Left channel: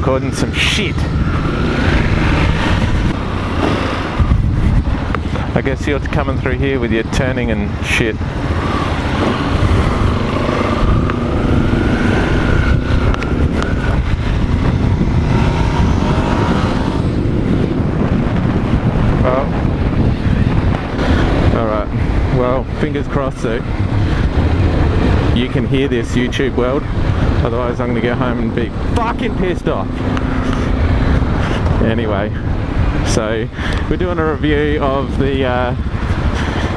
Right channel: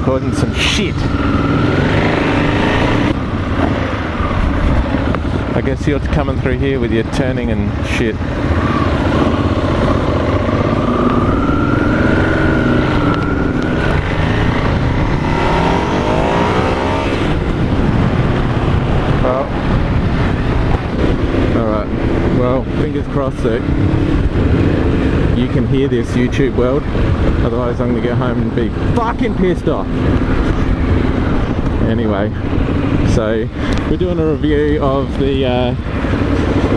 recording some shit. I guess you're coming through here with your turning and shit. This YouTube world, otherwise I'm gonna go home and be fucking pissed off. Anyway, so we're doing a review of the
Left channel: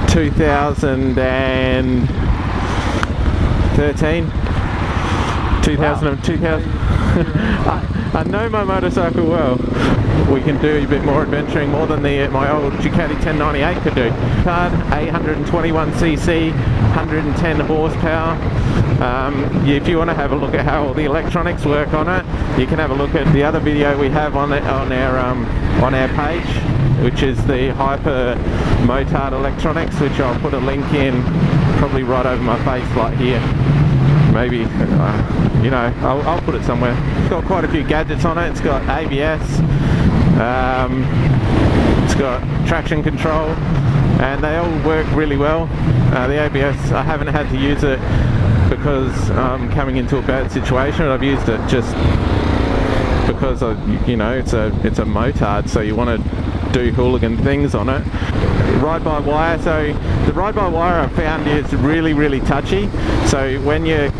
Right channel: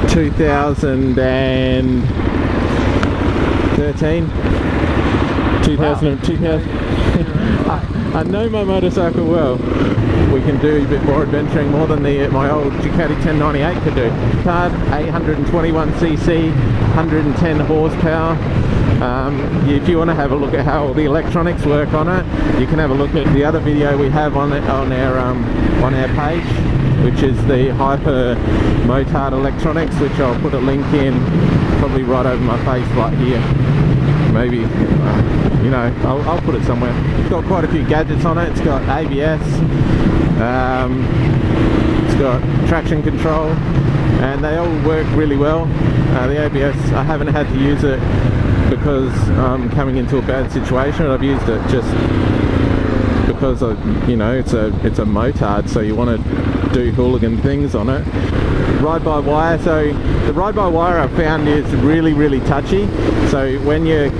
2013. I know my motorcycle well. We can do a bit more adventuring, more than my old Ducati 1098 can do. Car, 821cc, 110 horsepower. If you want to have a look at how all the electronics work on it, you can have a look at the other video we have on our page, which is the Hypermotard electronics, which I'll put a link in, probably right over my face, like here. Maybe, you know, I'll put it somewhere. It's got quite a few gadgets on it. It's got ABS, it's got traction control, and they all work really well. The ABS, I haven't had to use it because I'm coming into a bad situation. I've used it just because you know, it's a motard, so you want to do hooligan things on it. Ride-by-wire, so the ride-by-wire I found is really touchy. So when you're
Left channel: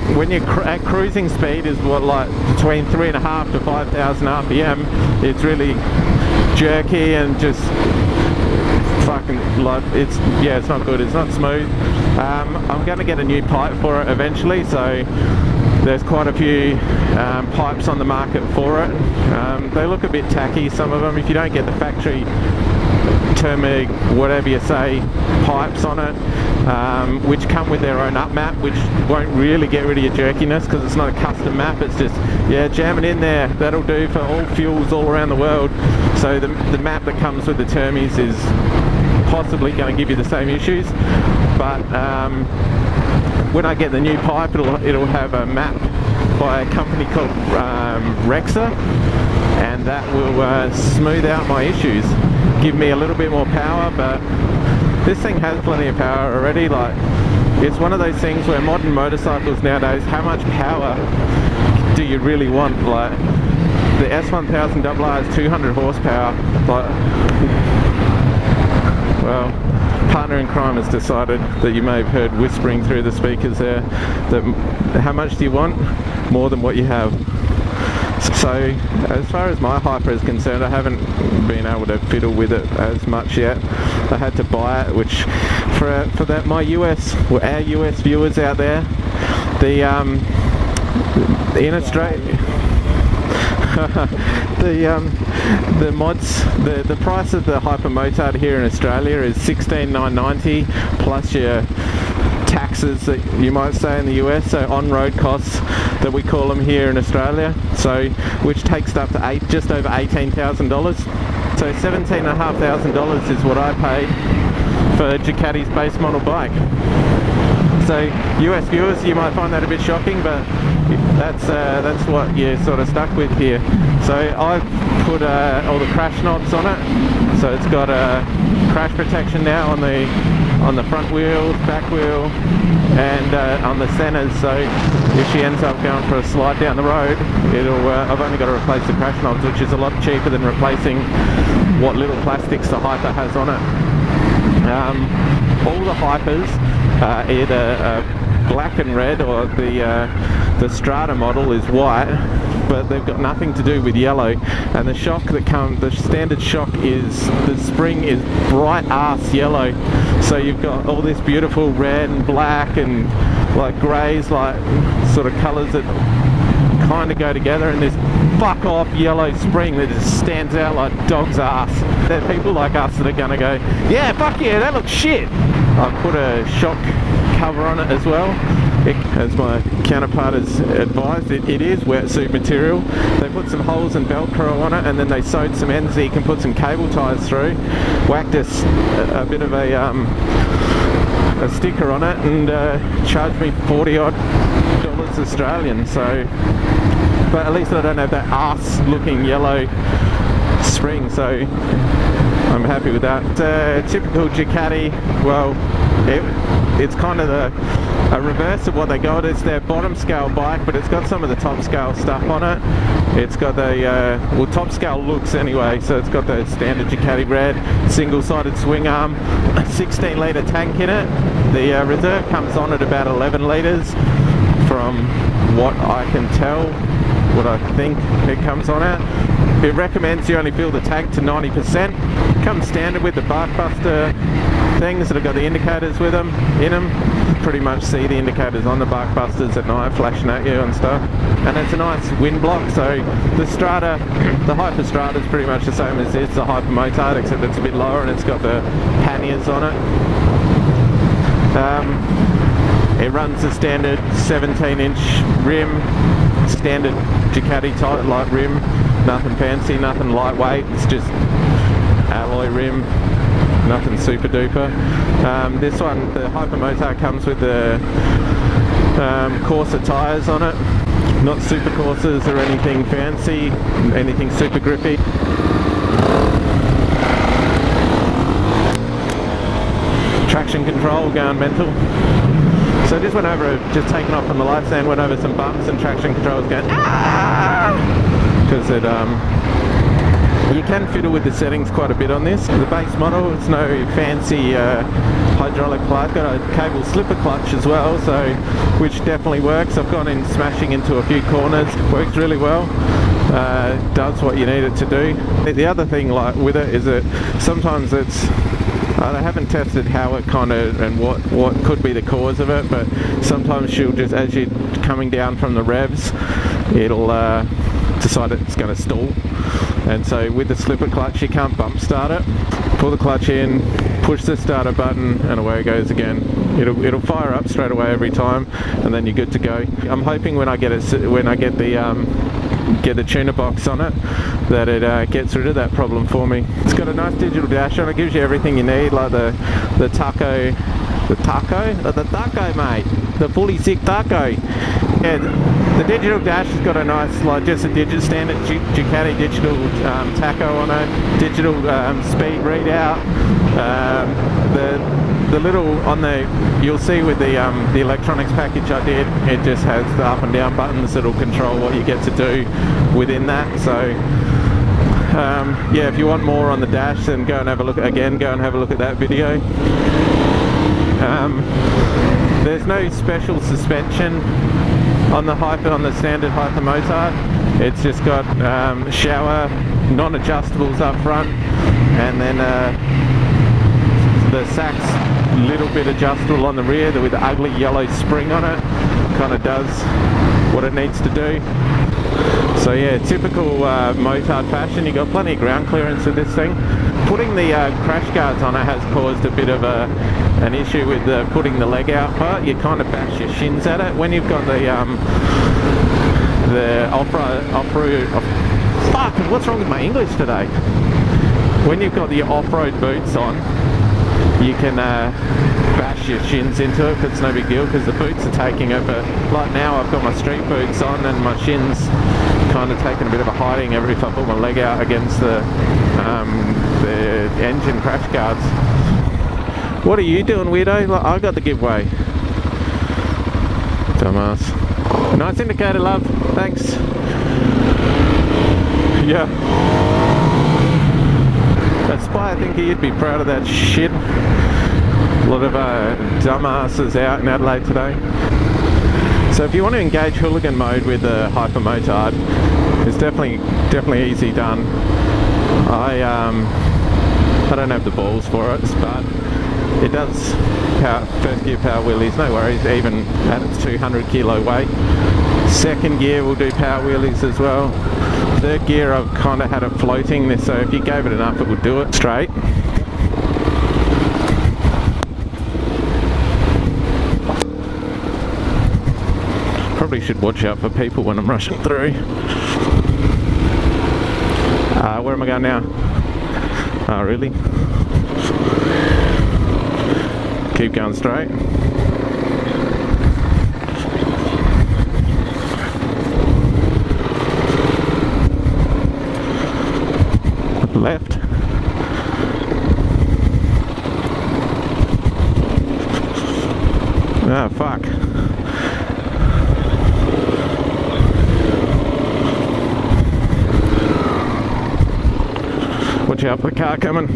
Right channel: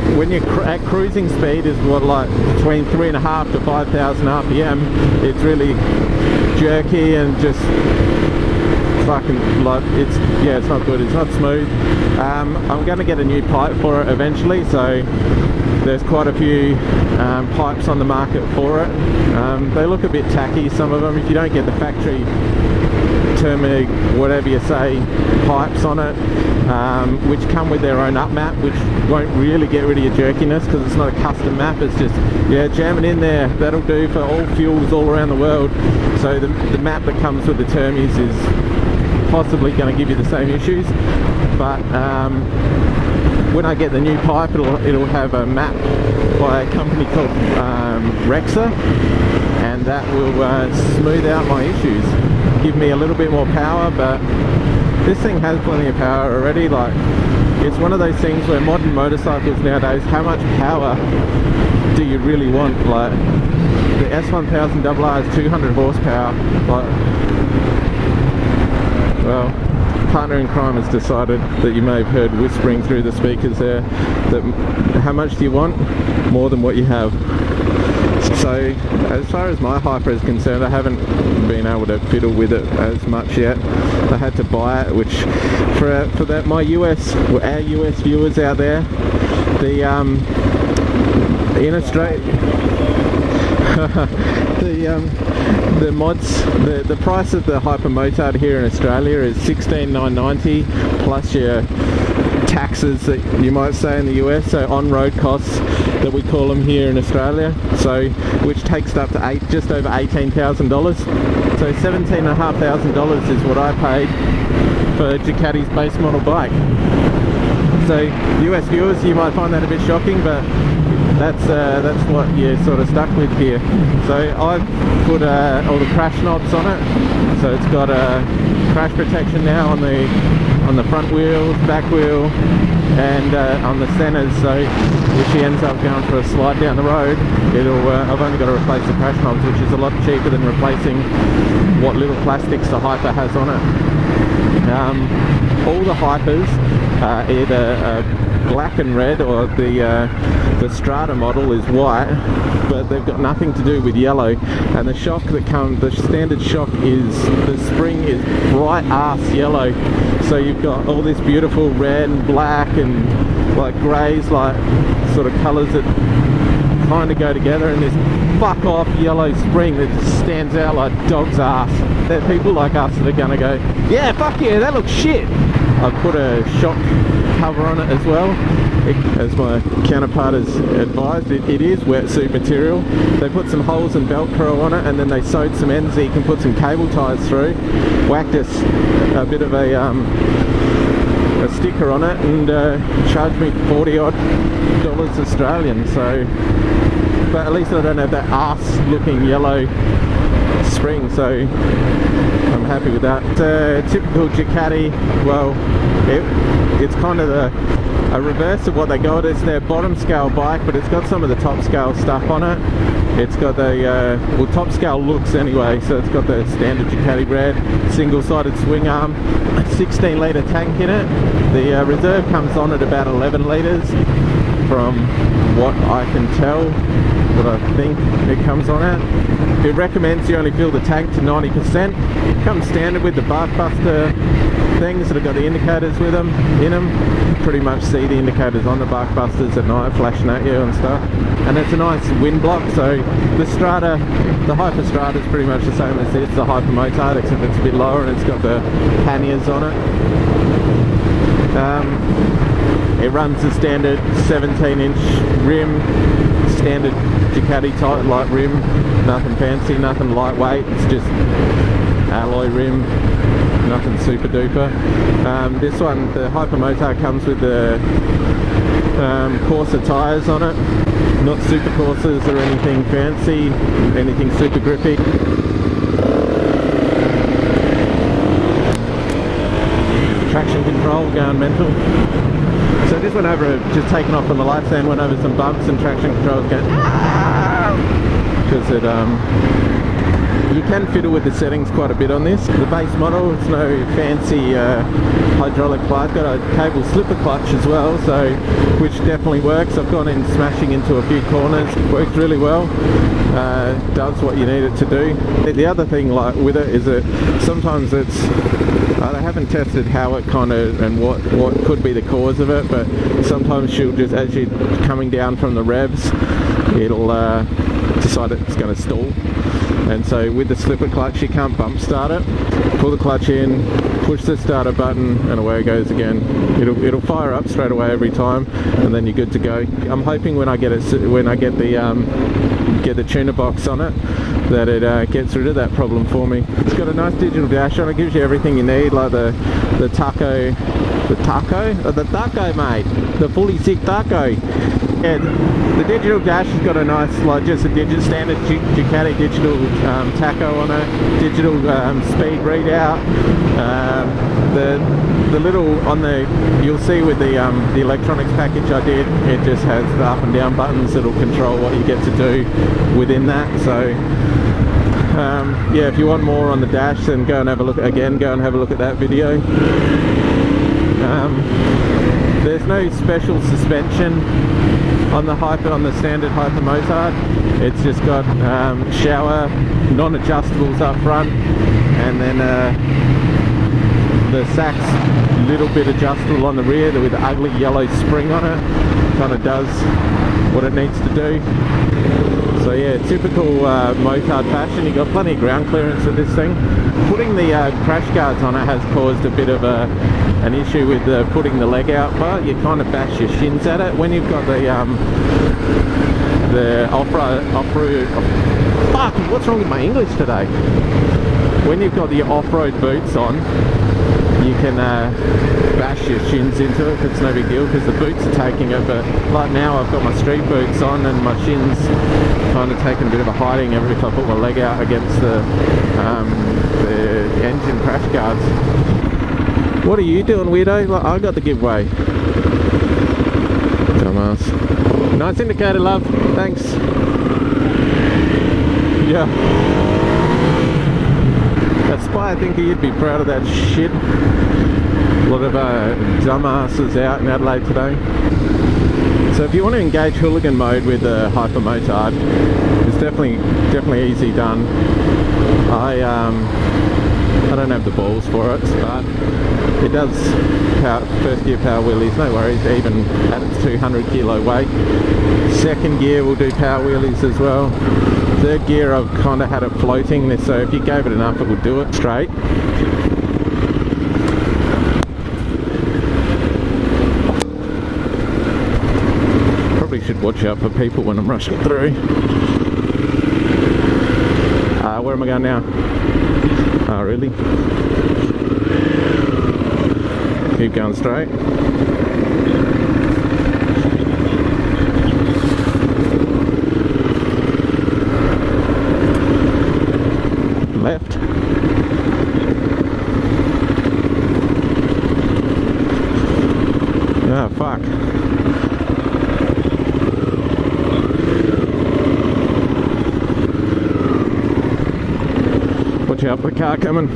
at cruising speed is what, like between 3.5 to 5,000 RPM, it's really jerky and just fucking like it's not good. It's not smooth. I'm going to get a new pipe for it eventually, so there's quite a few pipes on the market for it. They look a bit tacky, some of them. If you don't get the factory thermic, whatever you say, pipes on it, which come with their own up map, which won't really get rid of your jerkiness because it's not a custom map. It's just, yeah, jam it in there. That'll do for all fuels all around the world. So the map that comes with the Termis is possibly going to give you the same issues, but when I get the new pipe, it'll have a map by a company called Rexa, and that will smooth out my issues, give me a little bit more power. But this thing has plenty of power already. Like, it's one of those things where modern motorcycles nowadays, how much power do you really want? Like, the S1000RR is 200 horsepower, but well, partner in crime has decided that you may have heard whispering through the speakers there that how much do you want? More than what you have. So as far as my Hyper is concerned, I haven't been able to fiddle with it as much yet. I had to buy it, which for that our US viewers out there, the in Australia the mods, the price of the Hypermotard here in Australia is $16,990 plus your taxes that you might say in the US, so on-road costs that we call them here in Australia, so which takes up to just over $18,000. So $17,500 is what I paid for Ducati's base model bike. So US viewers, you might find that a bit shocking, but that's what you're sort of stuck with here. So I've put all the crash knobs on it. So it's got a crash protection now on the front wheel, back wheel, and on the centers. So if she ends up going for a slide down the road, I've only got to replace the crash knobs, which is a lot cheaper than replacing what little plastics the Hyper has on it. All the Hypers are either black and red, or the Strata model is white, but they've got nothing to do with yellow. And the shock that comes, the standard shock is, the spring is bright ass yellow. So you've got all this beautiful red, black, and like greys, like sort of colours that kind of go together, and this fuck off yellow spring that just stands out like dog's ass. There are people like us that are gonna go, yeah, fuck yeah, that looks shit. I put a shock cover on it as well. As my counterpart has advised, it is wetsuit material. They put some holes and Velcro on it, and then they sewed cement so you can put some cable ties through. Whacked us a bit of a sticker on it, and charged me $40 odd Australian. So but at least I don't have that arse-looking yellow spring, so I'm happy with that. Typical Ducati, well, it's kind of a reverse of what they go. It's their bottom scale bike, but it's got some of the top scale stuff on it. It's got the, well, top scale looks anyway, so it's got the standard Ducati red, single-sided swing arm, 16 litre tank in it. The reserve comes on at about 11 litres from what I can tell, what I think it comes on at. It recommends you only fill the tank to 90%. It comes standard with the barkbuster things that have got the indicators with them, in them. Pretty much see the indicators on the barkbusters at night flashing at you and stuff. And it's a nice wind block, so the Strata, the Hyper Strata is pretty much the same as this, the Hypermotard, except it's a bit lower and it's got the panniers on it. It runs the standard 17-inch rim, standard Ducati type light rim, nothing fancy, nothing lightweight, it's just alloy rim, nothing super duper. This one, the Hypermotard, comes with the Corsa tyres on it, not super Corsas or anything fancy, anything super grippy. Traction control going mental. So this went over, just taken off on the light stand, went over some bumps and traction control was going because it you can fiddle with the settings quite a bit on this. The base model, it's no fancy hydraulic clutch, got a cable slipper clutch as well, so which definitely works. I've gone in smashing into a few corners, works really well. Does what you need it to do. The other thing like with it is that sometimes it's, I haven't tested how it kind of and what could be the cause of it, but sometimes she'll just, as you're coming down from the revs, it'll decide it's going to stall. And so with the slipper clutch you can't bump start it. Pull the clutch in, push the starter button, and away it goes again. It'll fire up straight away every time, and then you're good to go. I'm hoping when I get the tuner box on it, that it gets rid of that problem for me. It's got a nice digital dash on it, gives you everything you need, like the taco, mate, the fully sick taco. Yeah, the digital dash has got a nice, like just a standard Ducati digital taco on it, digital speed readout. The little on the, you'll see with the electronics package I did, it just has the up and down buttons that'll control what you get to do within that. So yeah, if you want more on the dash, then go and have a look at that video. There's no special suspension on the standard Hypermotard. It's just got shower, non-adjustables up front, and then the sack's a little bit adjustable on the rear with the ugly yellow spring on it. Kind of does what it needs to do. So yeah, typical motard fashion. You got plenty of ground clearance in this thing. Putting the crash guards on it has caused a bit of an issue with putting the leg out part. You kind of bash your shins at it when you've got the off-road. Fuck! What's wrong with my English today? When you've got the off-road boots on, you can bash your shins into it. It's no big deal because the boots are taking over. Like now I've got my street boots on and my shins kind of taking a bit of a hiding every time I put my leg out against the engine crash guards. What are you doing, weirdo? Like, I got the giveaway. Dumbass. Nice indicator, love. Thanks. Yeah. That's why I think you'd be proud of that shit. A lot of dumbasses out in Adelaide today. So if you want to engage hooligan mode with the Hypermotard, it's definitely easy done. I don't have the balls for it, but it does first gear power wheelies, no worries, even at its 200 kilo weight. Second gear will do power wheelies as well. Third gear I've kind of had it floating, so if you gave it enough it would do it straight. Probably should watch out for people when I'm rushing through. Where am I going now? Oh, really? Keep going straight. car coming.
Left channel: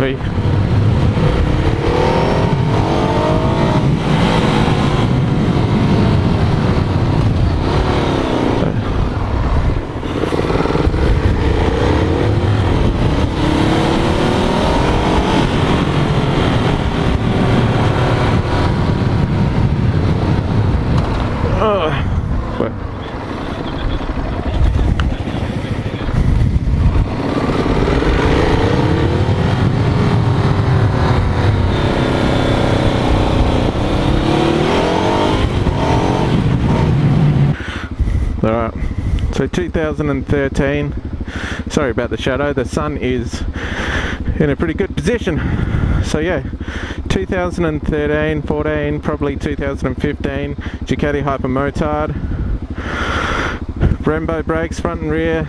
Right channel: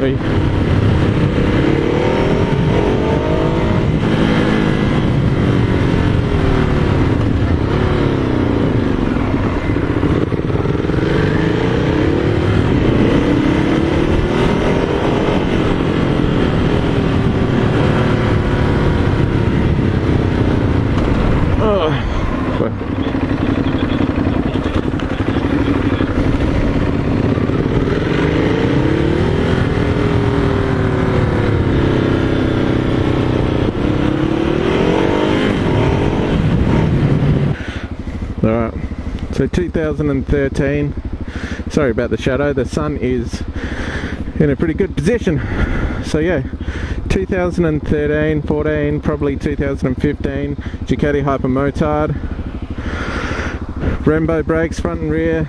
Wait. Alright, so 2013, sorry about the shadow, the sun is in a pretty good position. So yeah, 2013, 14, probably 2015, Ducati Hypermotard, Brembo brakes front and rear,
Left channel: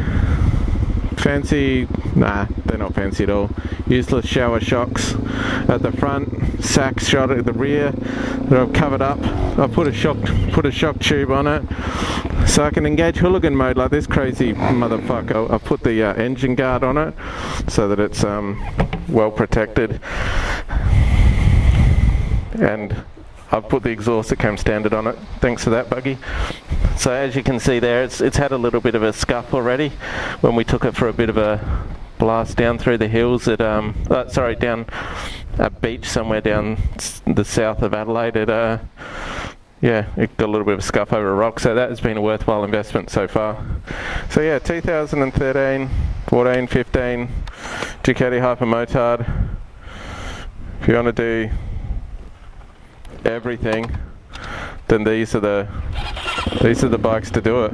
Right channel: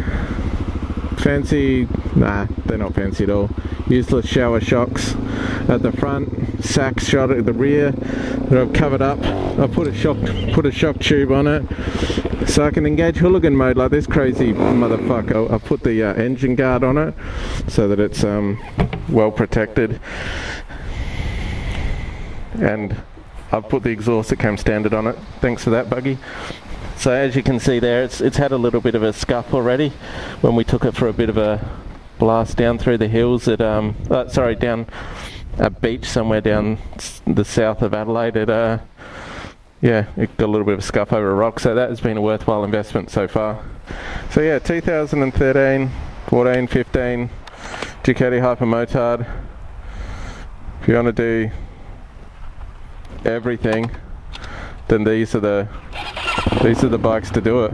fancy, nah, they're not fancy at all, useless shower shocks at the front, sack shot at the rear that I've covered up. I've put a shock tube on it so I can engage hooligan mode like this crazy motherfucker. I've put the engine guard on it so that it's well protected, and I've put the exhaust that came standard on it. Thanks for that, buggy. So as you can see there, it's had a little bit of a scuff already when we took it for a bit of a blast down through the hills at down a beach somewhere down the south of Adelaide. Yeah, it got a little bit of a scuff over a rock, so that has been a worthwhile investment so far. So yeah, 2013, 14, 15, Ducati Hypermotard. If you want to do everything, then these are the bikes to do it.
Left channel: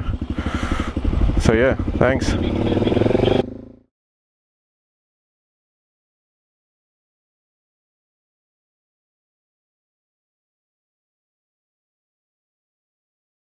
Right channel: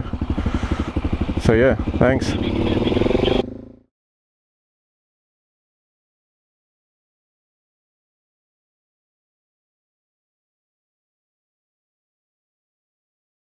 So yeah, thanks.